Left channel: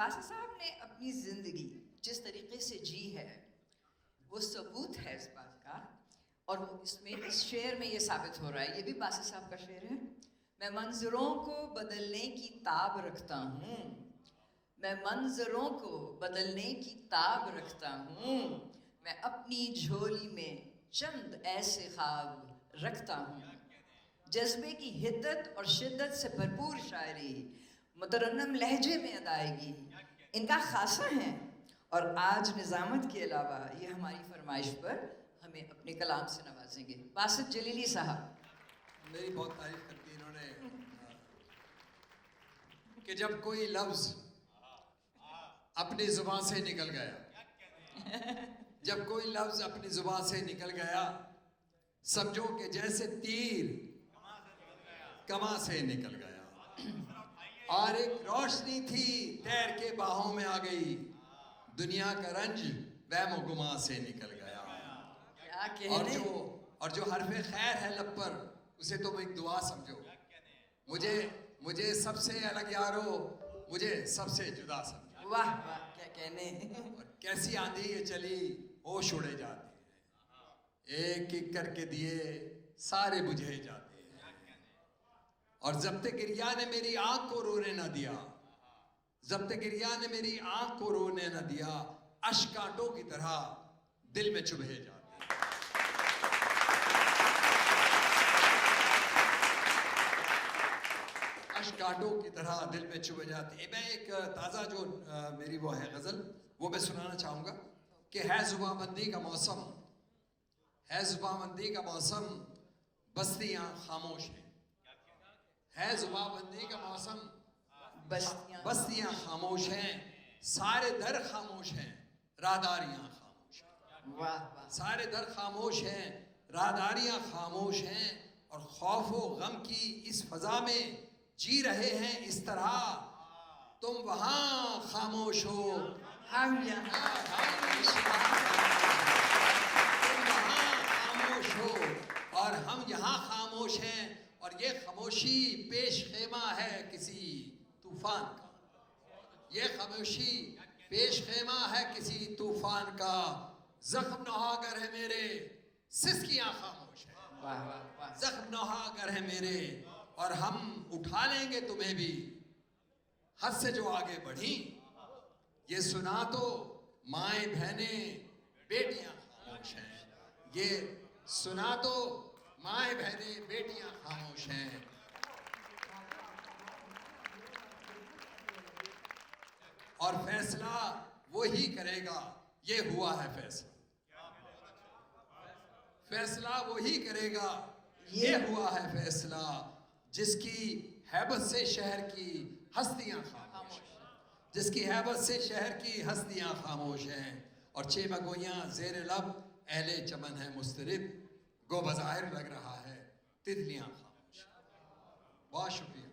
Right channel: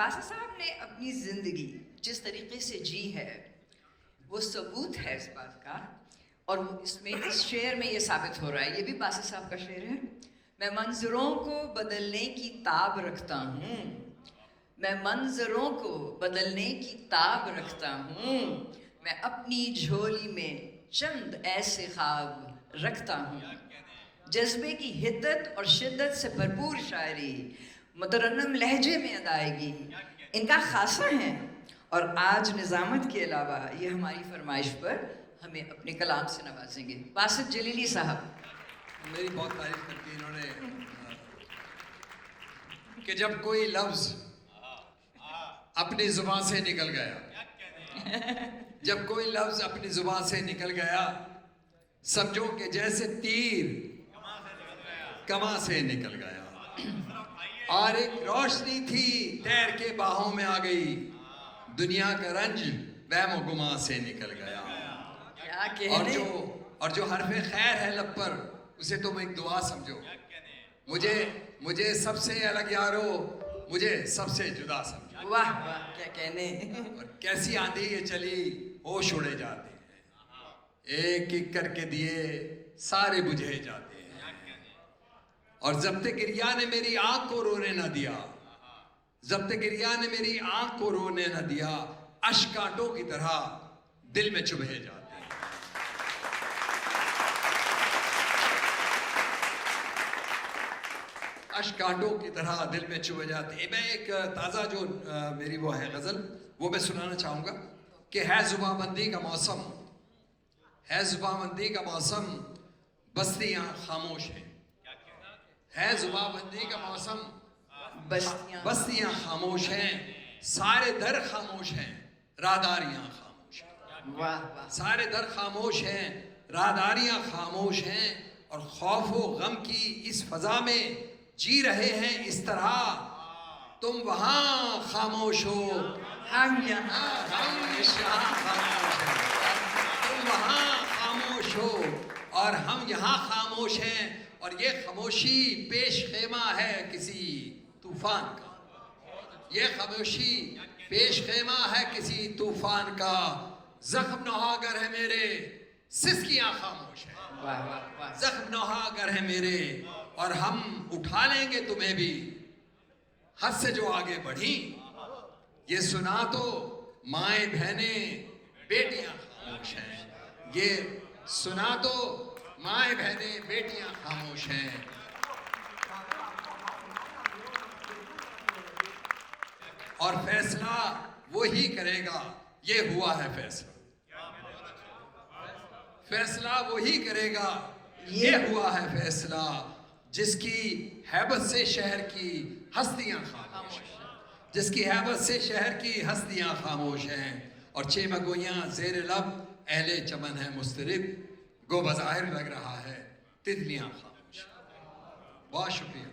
बासित साहब ने अपनी ज़िंदगी जिस तरीके से जी है वो सबूत है इस बात का, और इसमें इस शेर में ये साबित हो रहा है। ये भी बासित साहब का शेर है। मैं मंजरों को बदलने की ताब रखता हूँ, मैं मंजरों को बदलने की ताब रखता हूँ, मैं अपनी झोली में चंद ऐसे ख्वाब रखता हूँ। जज्बे की हिद्दत और शिद्दत से भरपूर शायरी, मुतरन्नम लहजे में अदायगी इनका खासा है। और आज निज़ामत के अलावा ये हमारी फरमाइश पर हमें अपने कलाम से नवाजेंगे। बासित जलीली साहब। मेरी बहुत तारीफ करती इन्होंने कि जब कोई लफ्ज अपनी जुबान से निकल गया, जब कोई लफ्ज अपनी जुबान से निकल गया, समझो कि जैसे तीर कमा से निकल गया। और एक रोशनी थी तैर के बाहों में आ गई, दुनिया का रंज वहम गुमा से निकल गया। क्या कहने? और जो हरफे खैर है लब पर, उसे तुम एक दुआ समझो। मुझे सबसे अलग यारो, मुझे सबसे जुदा समझो। वाह वाह, क्या कहने। और कैसी आंधी ये चली, होश उड़े जाते हैं, एक एक करके दिए सारे बुझे जाते हैं। और जब्ते गिरिया ने मेरी आंख को रोने न दिया, जब्ते गिरिया ने मेरी आंख को रोने न दिया, अश्क कांटों की तरह दिल में चुभे जाते हैं। अश्क कांटों की तरह दिल में चुभे जाते हैं। मैं एक ताज़ा जो मेरी वो है गज़ल, वो मैं सुनाना चाहूँगा कि है जुबाबंदी का मौसम, है जुबाबंदी का मौसम, बस्तियाँ खामोश हैं। है जुबाबंदी का मौसम, बस्तियाँ खामोश हैं, सारे दर खामोश हैं, राहदारियाँ खामोश हैं। वाह वाह। सारे दर खामोश हैं, राहदारियाँ खामोश हैं, और खौफ व गम की इस फजा में जी रहे हैं इस तरह, तुम वहाँ खामोश हो, हम यहाँ खामोश हो, तुम वहाँ खामोश हो और हम यहाँ खामोश हैं। और ये खामोशी पेश खेमा है किसी तूफान का, ये खामोशी पेश खेमा है किसी तूफान का, जख्म नहागर है मेरे, सिसकियाँ खामोश है, वाह वाह वाह। जख्म नहागर है मेरे, और हम उठा लेंगे तुम्हें भी, हद से जो आगे बढ़ी, ये सुना तो माएँ बहनें बेटियां खामोश हैं, ये सुना तो माएँ बहनें बेटियां खामोश हैं। और फैसला वो ही करेगा, ये हुआ है फैसला, फैसला वो ही करेगा, ये हुआ है फैसला, जिसकी हैबत से शहर की हस्तियां खामोश हैं, जिसकी हैबत से शहर की हस्तियां खामोश हैं। और चेमगोइयां ज़ेर लब अहले चमन है मुस्तरिब, गो बज़ाहिर लग रहा है तितलियां खामोश। बहुत शुक्रिया।